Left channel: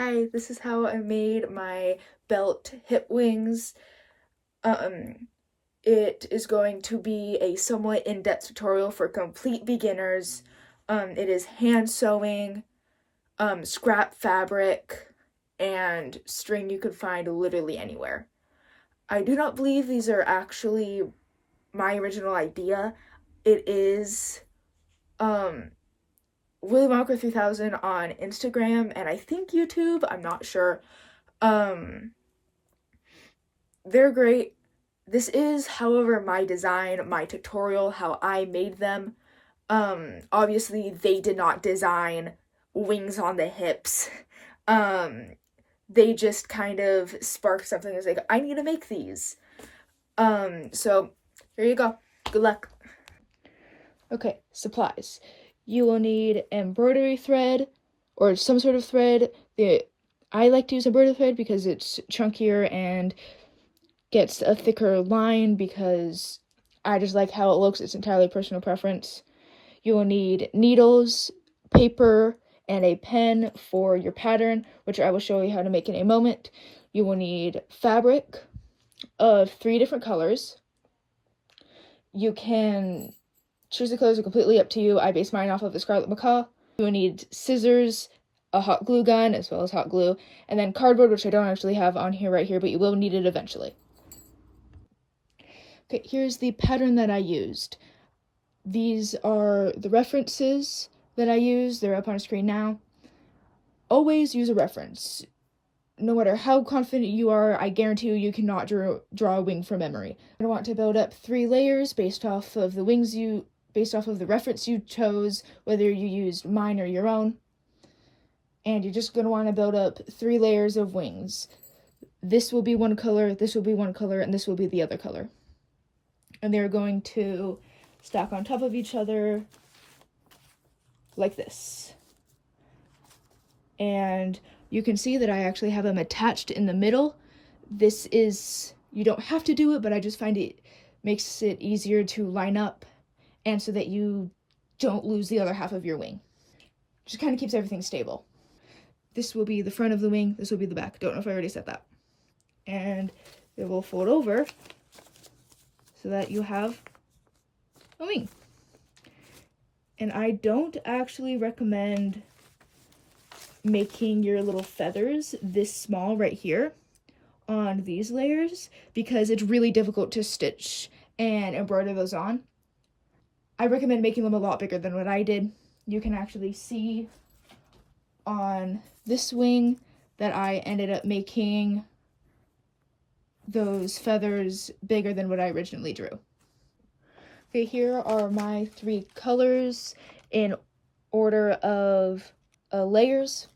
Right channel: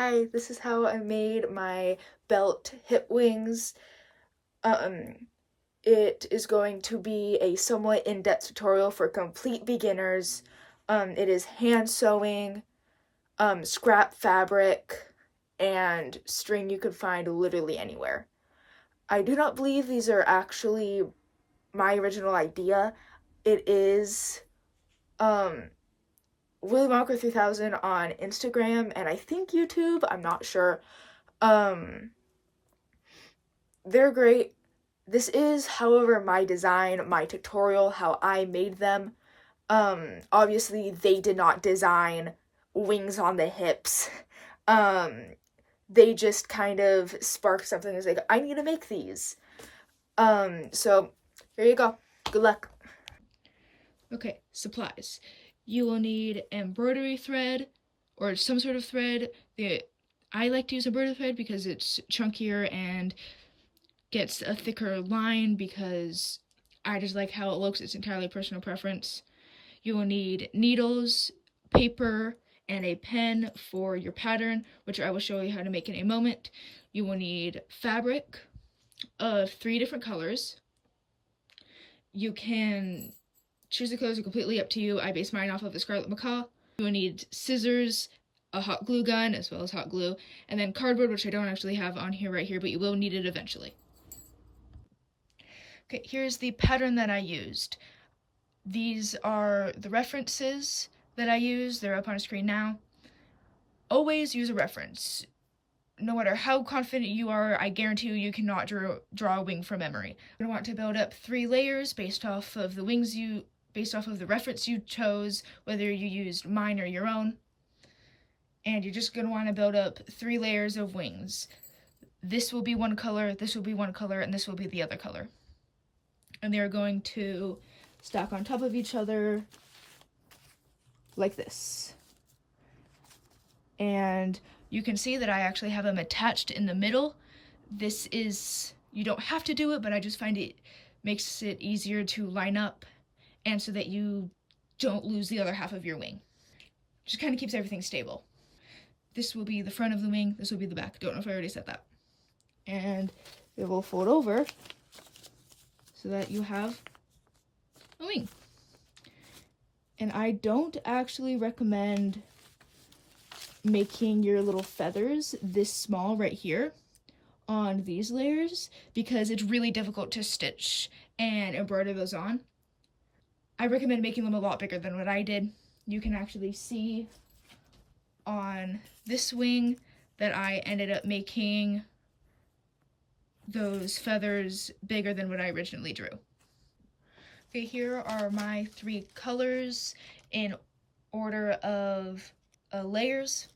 Hi, this is how I made my belt hip wings. Um, it is going to be a somewhat in-depth tutorial for complete beginners. It is hand sewing, scrap fabric, and string you could find literally anywhere. I do not believe these are actually my original idea. It is um Willy Wonka 3000 on Instagram and I think YouTube, I'm not sure. Um they're great. This is, however, my design, my tutorial, how I made them. Obviously they did not design wings on the hips. Um, they just kind of sparked something that's like, I need to make these. So there you go. Good luck. Okay, supplies. You will need embroidery thread or some sort of thread. I like to use embroidery thread because it's chunkier and gets a thicker line because I just like how it looks. It's entirely personal preference. You will need needles, paper, and a pen for your pattern, which I will show you how to make in a moment. You will need fabric of 3 different colors. You can choose the colors are completely up to you. I base mine off of the Scarlet Macaw. You will need scissors, a hot glue gun, as well as hot glue, and then cardboard, which I don't actually have on here right here, but you will need it eventually. Okay, here's the pattern that I used. These are the references that I use. They're up on screen now. Always use a reference. No matter how confident you are, I guarantee you cannot draw a wing from memory. I want to build up 3 layers based off of the reference you chose, whether you used mine or your own. And you're just going to want to build up 3 layers of wings. This will be one color, this will be one color, and this will be the other color. And they're going to stack on top of each other like this. And you can see that I actually have them attached in the middle. This is, you don't have to do it, but I just find it makes it easier to line up and so that you don't lose the other half of your wing. Just kind of keeps everything stable. This will be the front of the wing, this will be the back. Don't know if I already said that. And it will fold over so that you have a wing. And I don't actually recommend making your little feathers this small right here on these layers because it's really difficult to stitch and embroider those on. I recommend making them a lot bigger than what I did. You can actually see on this wing that I ended up making those feathers bigger than what I originally drew. Okay, here are my 3 colors in order of layers.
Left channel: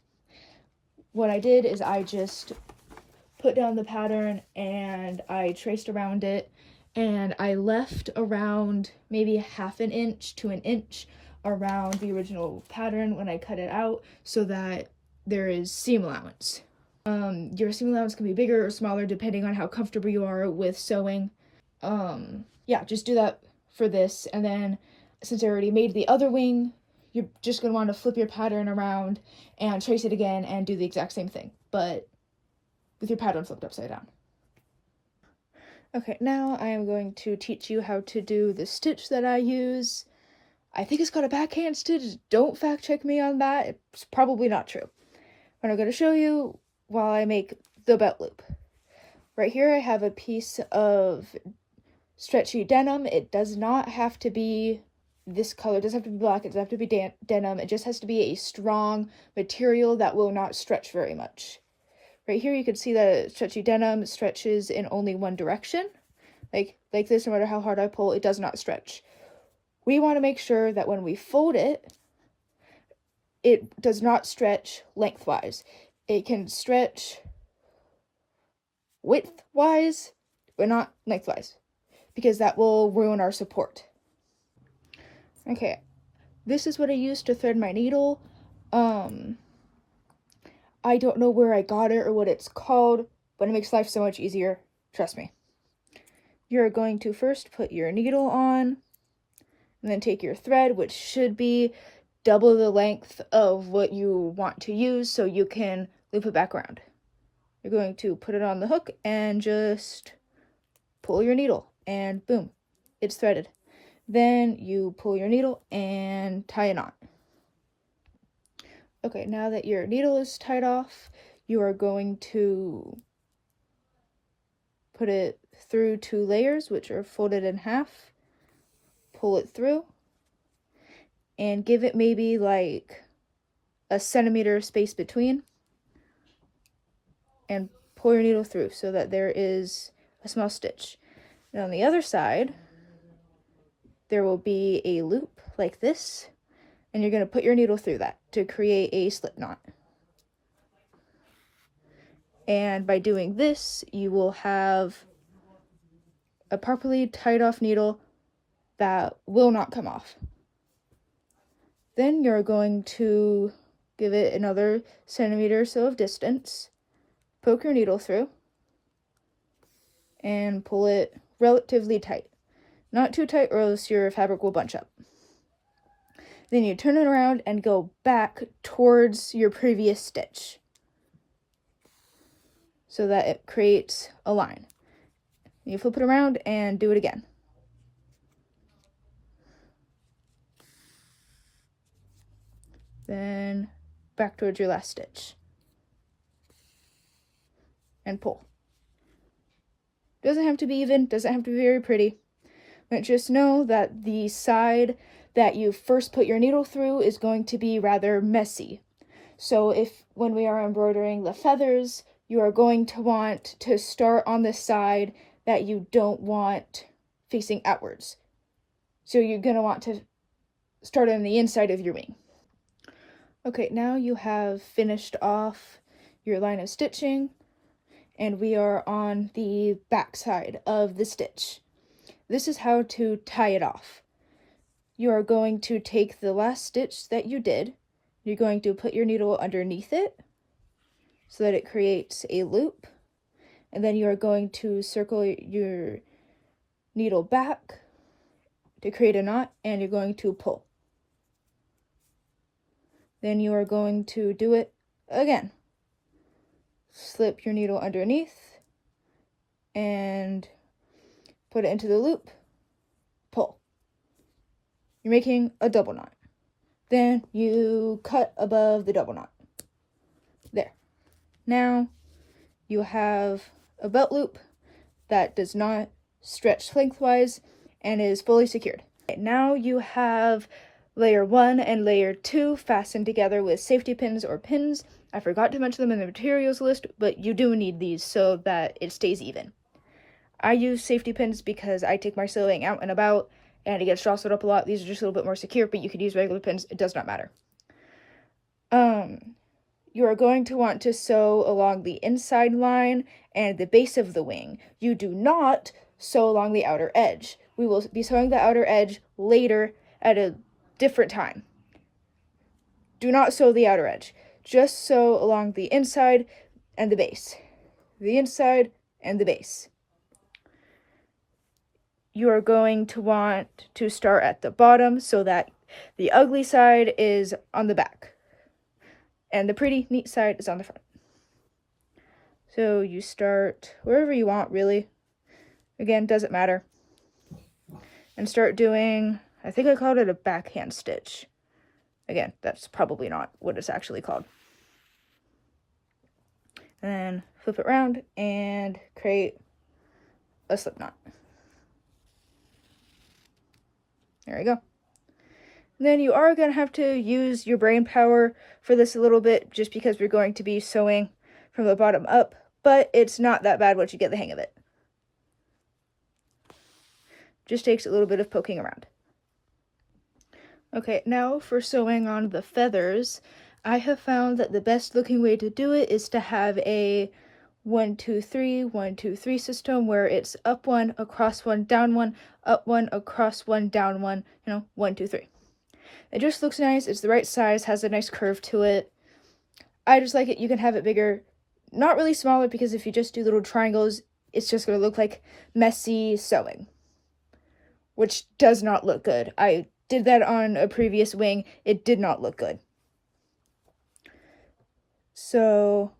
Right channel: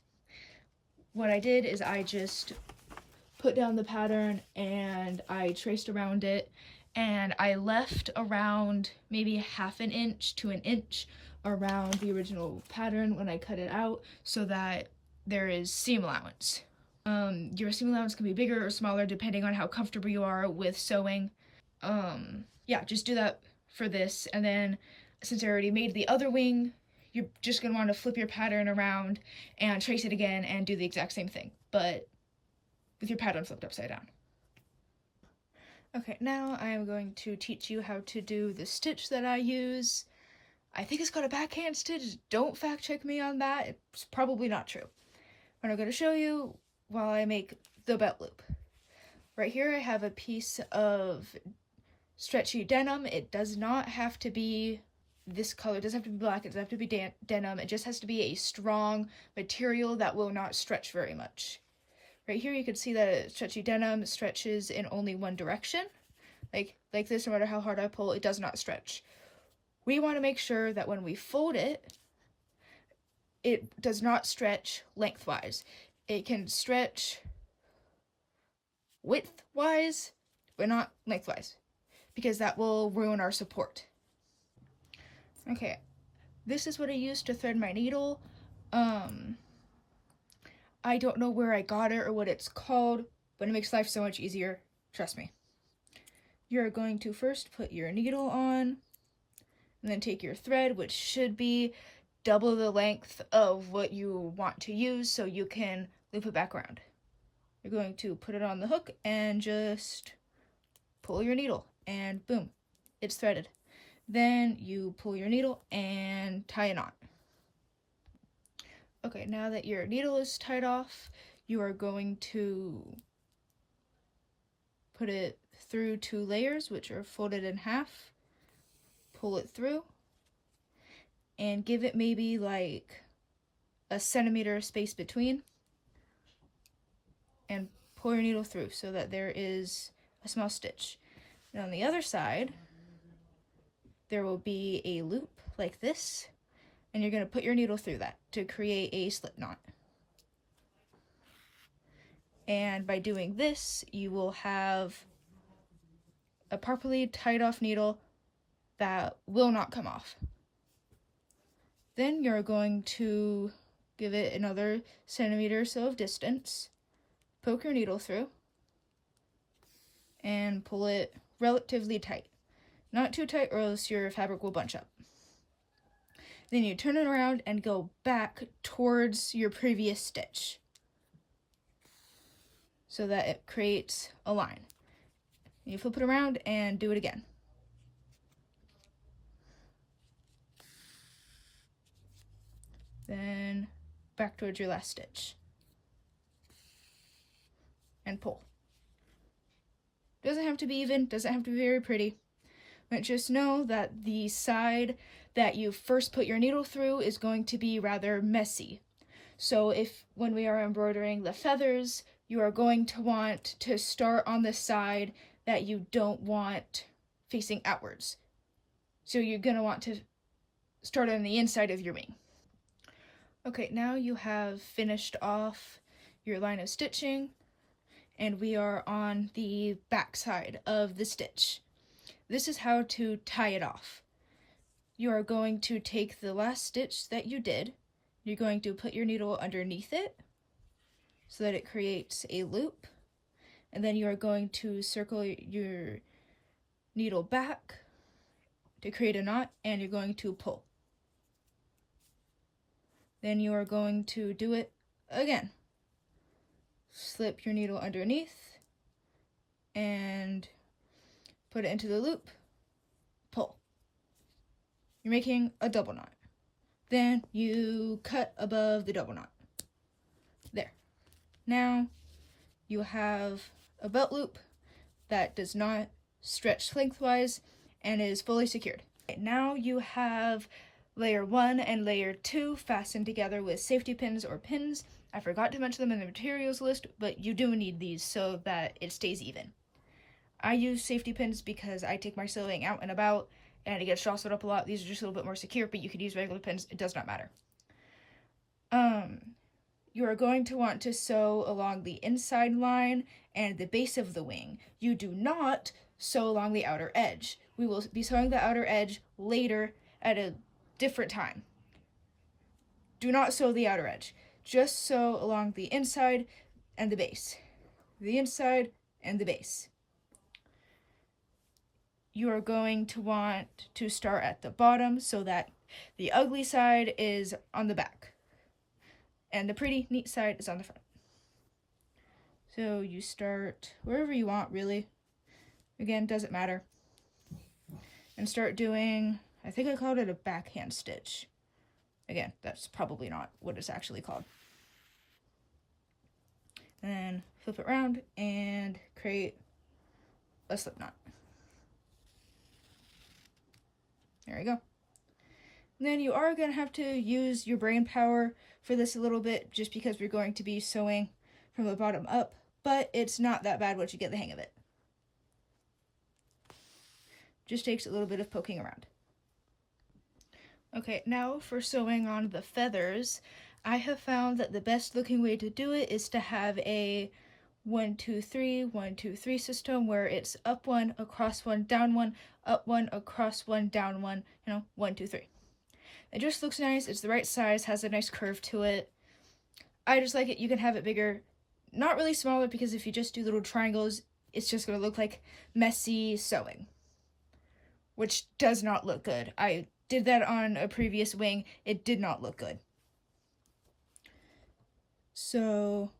What I did is I just put down the pattern and I traced around it, and I left around maybe ½ an inch to an inch around the original pattern when I cut it out so that there is seam allowance. Your seam allowance can be bigger or smaller depending on how comfortable you are with sewing. Yeah, just do that for this, and then since I already made the other wing, you're just going to want to flip your pattern around and trace it again and do the exact same thing, but with your pattern flipped upside down. Okay, now I am going to teach you how to do the stitch that I use. I think it's called a backhand stitch. Don't fact check me on that. It's probably not true. But I'm going to show you while I make the belt loop. Right here I have a piece of stretchy denim. It does not have to be this color. It doesn't have to be black. It doesn't have to be denim. It just has to be a strong material that will not stretch very much. Right here you can see that stretchy denim stretches in only one direction. Like this, no matter how hard I pull, it does not stretch. We want to make sure that when we fold it, it does not stretch lengthwise. It can stretch widthwise, but not lengthwise, because that will ruin our support. Okay, this is what I used to thread my needle. I don't know where I got it or what it's called, but it makes life so much easier. Trust me. You're going to first put your needle on, and then take your thread, which should be double the length of what you want to use, so you can loop it back around. You're going to put it on the hook and just pull your needle, and boom, it's threaded. Then you pull your needle and tie a knot. Okay, now that your needle is tied off, you are going to put it through 2 layers, which are folded in half, pull it through, and give it maybe like a centimeter space between, and pull your needle through so that there is a small stitch. And on the other side, there will be a loop like this, and you're going to put your needle through that to create a slip knot. And by doing this, you will have a properly tied off needle that will not come off. Then you're going to give it another centimeter or so of distance, poke your needle through, and pull it relatively tight. Not too tight or else your fabric will bunch up. Then you turn it around and go back towards your previous stitch so that it creates a line. You flip it around and do it again. Then back towards your last stitch. And pull. Doesn't have to be even, doesn't have to be very pretty. But just know that the side that you first put your needle through is going to be rather messy. So if when we are embroidering the feathers, you are going to want to start on the side that you don't want facing outwards. So you're going to want to start on the inside of your wing. Okay, now you have finished off your line of stitching, and we are on the back side of the stitch. This is how to tie it off. You are going to take the last stitch that you did, you're going to put your needle underneath it so that it creates a loop, and then you are going to circle your needle back to create a knot, and you're going to pull. Then you are going to do it again. Slip your needle underneath and put it into the loop, pull. You're making a double knot. Then you cut above the double knot. There. Now you have a belt loop that does not stretch lengthwise and is fully secured. Now you have layer 1 and layer 2 fastened together with safety pins or pins. I forgot to mention them in the materials list, but you do need these so that it stays even. I use safety pins because I take my sewing out and about and it gets jostled up a lot. These are just a little bit more secure, but you could use regular pins. It does not matter. You are going to want to sew along the inside line and the base of the wing. You do not sew along the outer edge. We will be sewing the outer edge later at a different time. Do not sew the outer edge. Just sew along the inside and the base. The inside and the base. You are going to want to start at the bottom so that the ugly side is on the back and the pretty neat side is on the front. So you start wherever you want, really. Again, doesn't matter. And start doing, I think I called it a backhand stitch. Again, that's probably not what it's actually called. And then flip it around and create a slip knot. There you go. And then you are going to have to use your brain power for this a little bit, just because we're going to be sewing from the bottom up, but it's not that bad once you get the hang of it. Just takes a little bit of poking around. Okay, now for sewing on the feathers, I have found that the best looking way to do it is to have a 1, 2, 3, 1, 2, 3 system where it's up 1, across 1, down 1, up 1, across 1, down 1, 1, 2, 3. It just looks nice, it's the right size, has a nice curve to it. I just like it. You can have it bigger, not really smaller, because if you just do little triangles, it's just going to look like messy sewing, which does not look good. I did that on a previous wing. It did not look good. So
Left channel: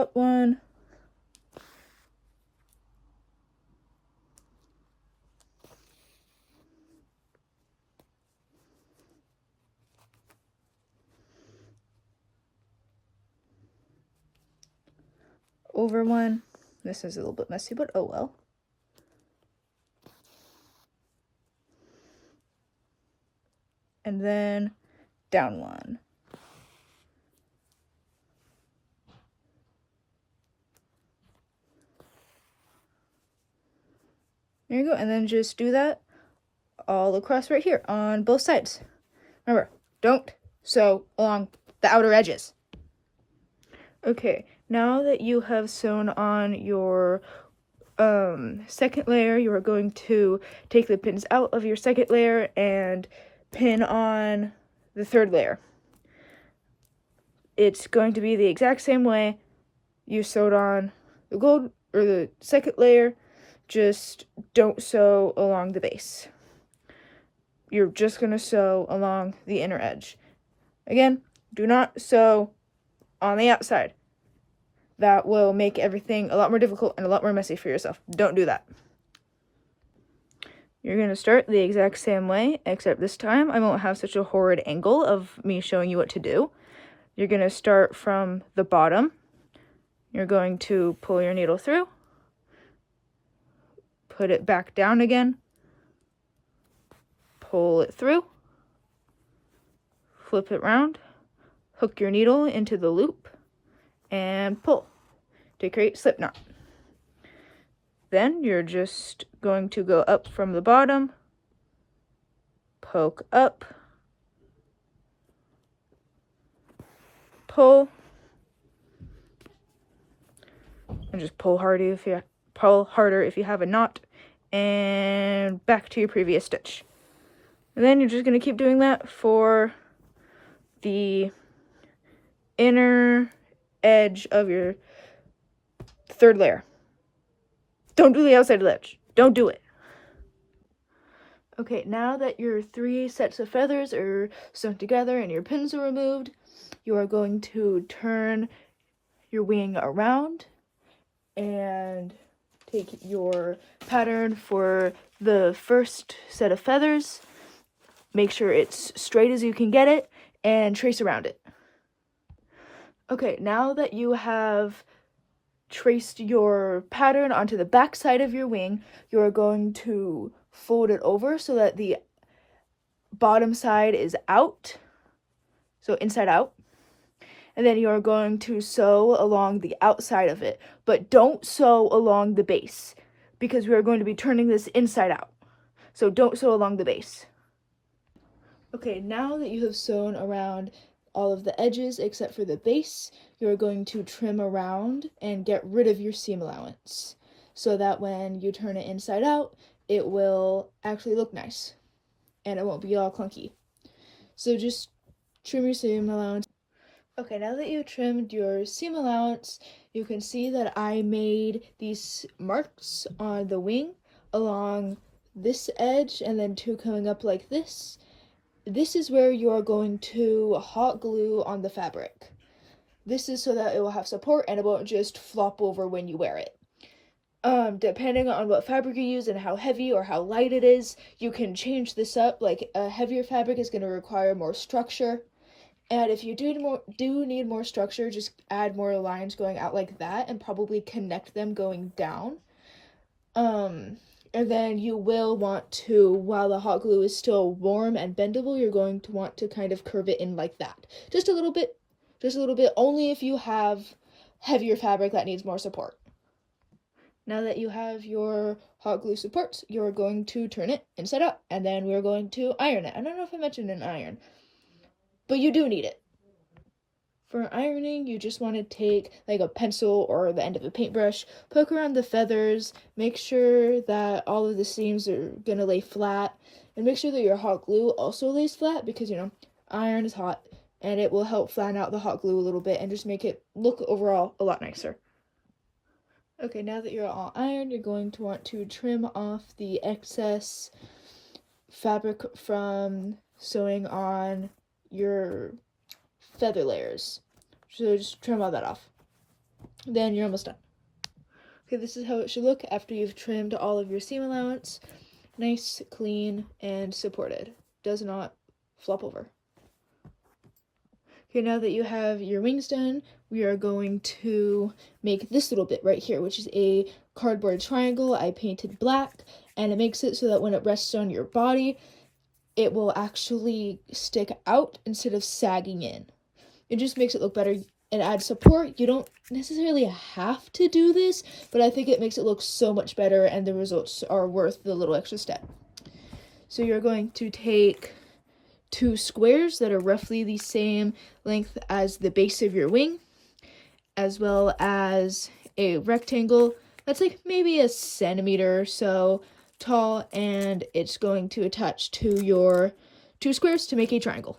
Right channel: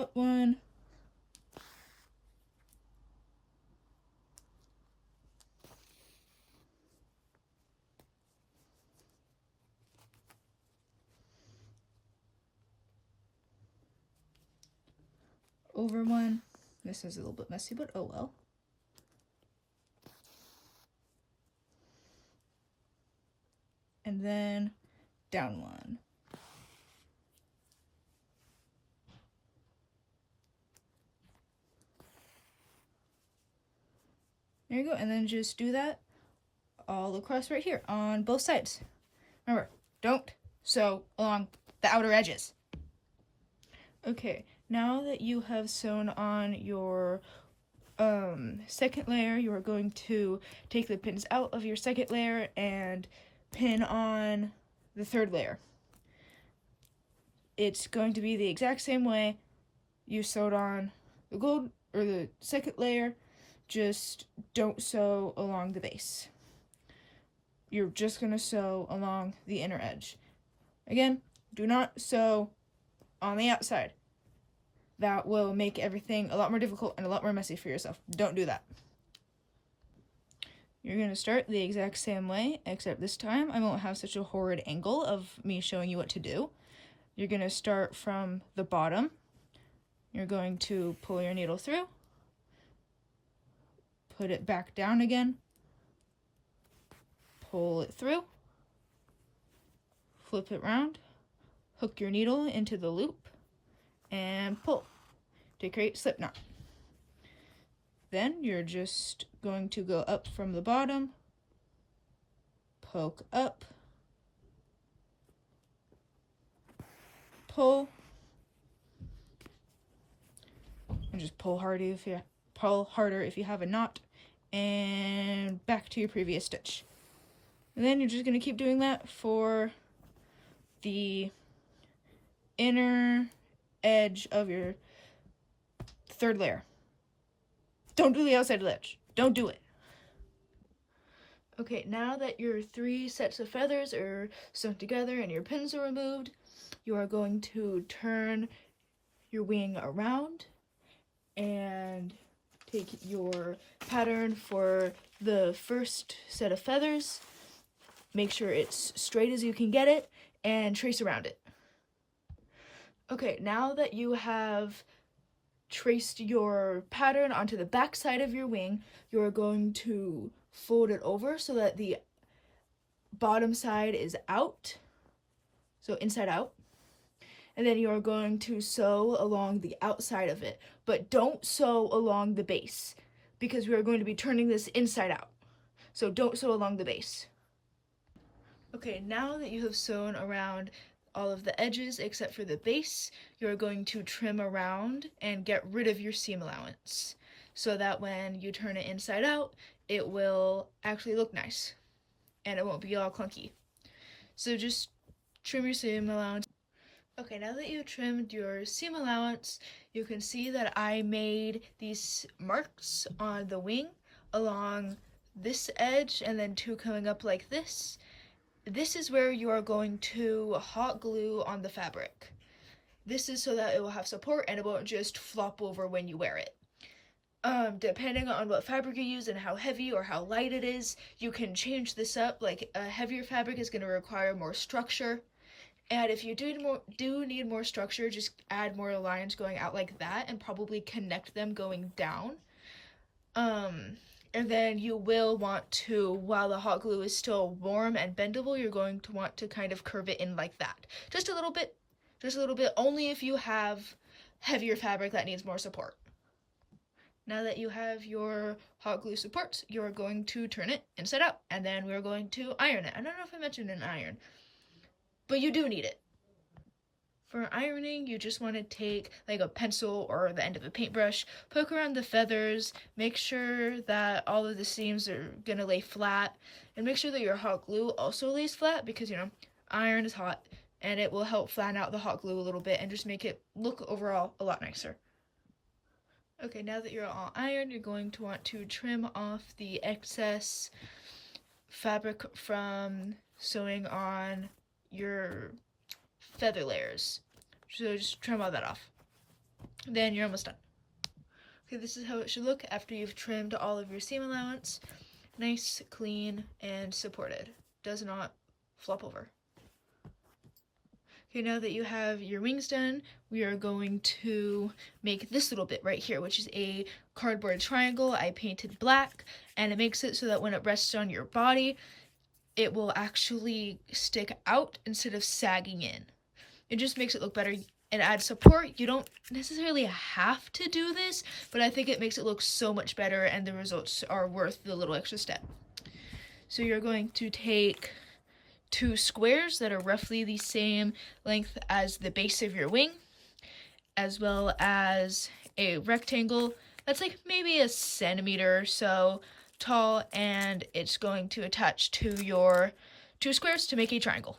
up one, over one. This is a little bit messy, but oh well. And then down one. There you go. And then just do that all across right here on both sides. Remember, don't sew along the outer edges. Okay, now that you have sewn on your second layer, you are going to take the pins out of your second layer and pin on the third layer. It's going to be the exact same way you sewed on the gold or the second layer, just don't sew along the base. You're just going to sew along the inner edge. Again, do not sew on the outside. That will make everything a lot more difficult and a lot more messy for yourself. Don't do that. You're going to start the exact same way, except this time I won't have such a horrid angle of me showing you what to do. You're going to start from the bottom. You're going to pull your needle through, put it back down again, pull it through, flip it around, hook your needle into the loop, and pull to create slip knot. Then you're just going to go up from the bottom, poke up, pull, and just pull harder if you have a knot, and back to your previous stitch. And then you're just going to keep doing that for the inner edge of your third layer. Don't do the outside of the edge. Don't do it. Okay, now that your 3 sets of feathers are sewn together and your pins are removed, you are going to turn your wing around and take your pattern for the first set of feathers. Make sure it's straight as you can get it and trace around it. Okay, now that you have traced your pattern onto the back side of your wing, you're going to fold it over so that the bottom side is out, so inside out. And then you're going to sew along the outside of it, but don't sew along the base because we are going to be turning this inside out. So don't sew along the base. Okay, now that you have sewn around all of the edges except for the base, you're going to trim around and get rid of your seam allowance so that when you turn it inside out, it will actually look nice and it won't be all clunky. So just trim your seam allowance. Okay, now that you've trimmed your seam allowance, you can see that I made these marks on the wing along this edge and then 2 coming up like this. This is where you are going to hot glue on the fabric. This is so that it will have support and it won't just flop over when you wear it. Depending on what fabric you use and how heavy or how light it is, you can change this up. Like a heavier fabric is going to require more structure. And if you do need more structure, just add more lines going out like that and probably connect them going down. And then you will want to, while the hot glue is still warm and bendable, you're going to want to kind of curve it in like that. Just a little bit, only if you have heavier fabric that needs more support. Now that you have your hot glue supports, you're going to turn it inside out, and then we're going to iron it. I don't know if I mentioned an iron, but you do need it. For ironing, you just want to take like a pencil or the end of a paintbrush, poke around the feathers, make sure that all of the seams are going to lay flat, and make sure that your hot glue also lays flat because, iron is hot, and it will help flatten out the hot glue a little bit and just make it look overall a lot nicer. Okay, now that you're all ironed, you're going to want to trim off the excess fabric from sewing on your feather layers. So just trim all that off. then you're almost done. Okay, this is how it should look after you've trimmed all of your seam allowance. Nice, clean, and supported. Does not flop over. Okay, now that you have your wings done, we are going to make this little bit right here, which is a cardboard triangle. I painted black, and it makes it so that when it rests on your body, it will actually stick out instead of sagging in. It just makes it look better and add support. You don't necessarily have to do this, but I think it makes it look so much better, and the results are worth the little extra step. So you're going to take 2 squares that are roughly the same length as the base of your wing, as well as a rectangle that's like maybe a centimeter or so tall, and it's going to attach to your 2 squares to make a triangle.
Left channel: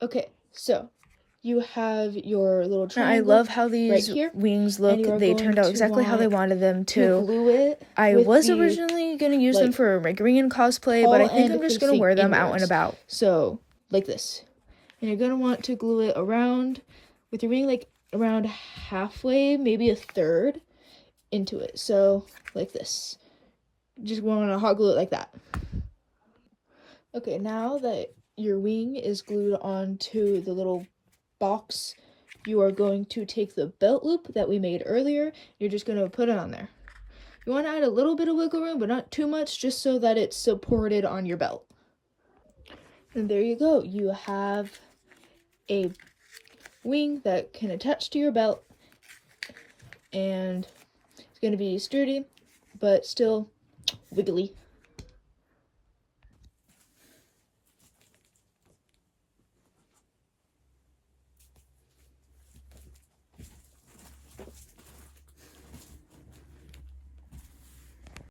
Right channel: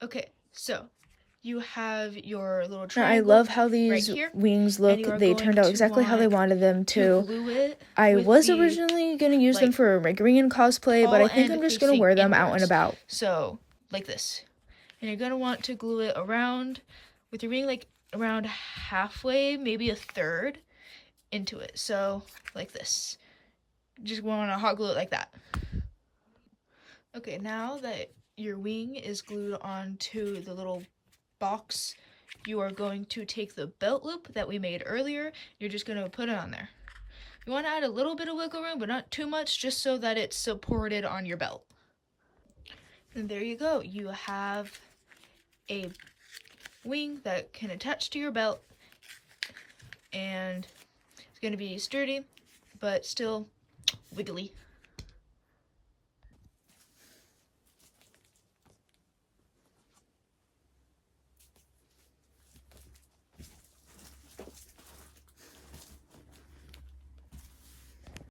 Okay, so you have your little triangle. I love how these wings look. They turned out exactly how they wanted them to. Glue it. I was originally going to use them for my green cosplay, but I think I'm just going to wear them out and about. So, like this. And you're going to want to glue it around with your wing, like around halfway, maybe a third into it. So, like this. Just want to hot glue it like that. Okay, now that your wing is glued onto the little box, you are going to take the belt loop that we made earlier. You're just going to put it on there. You want to add a little bit of wiggle room, but not too much, just so that it's supported on your belt. And there you go. You have a wing that can attach to your belt, and it's going to be sturdy, but still wiggly.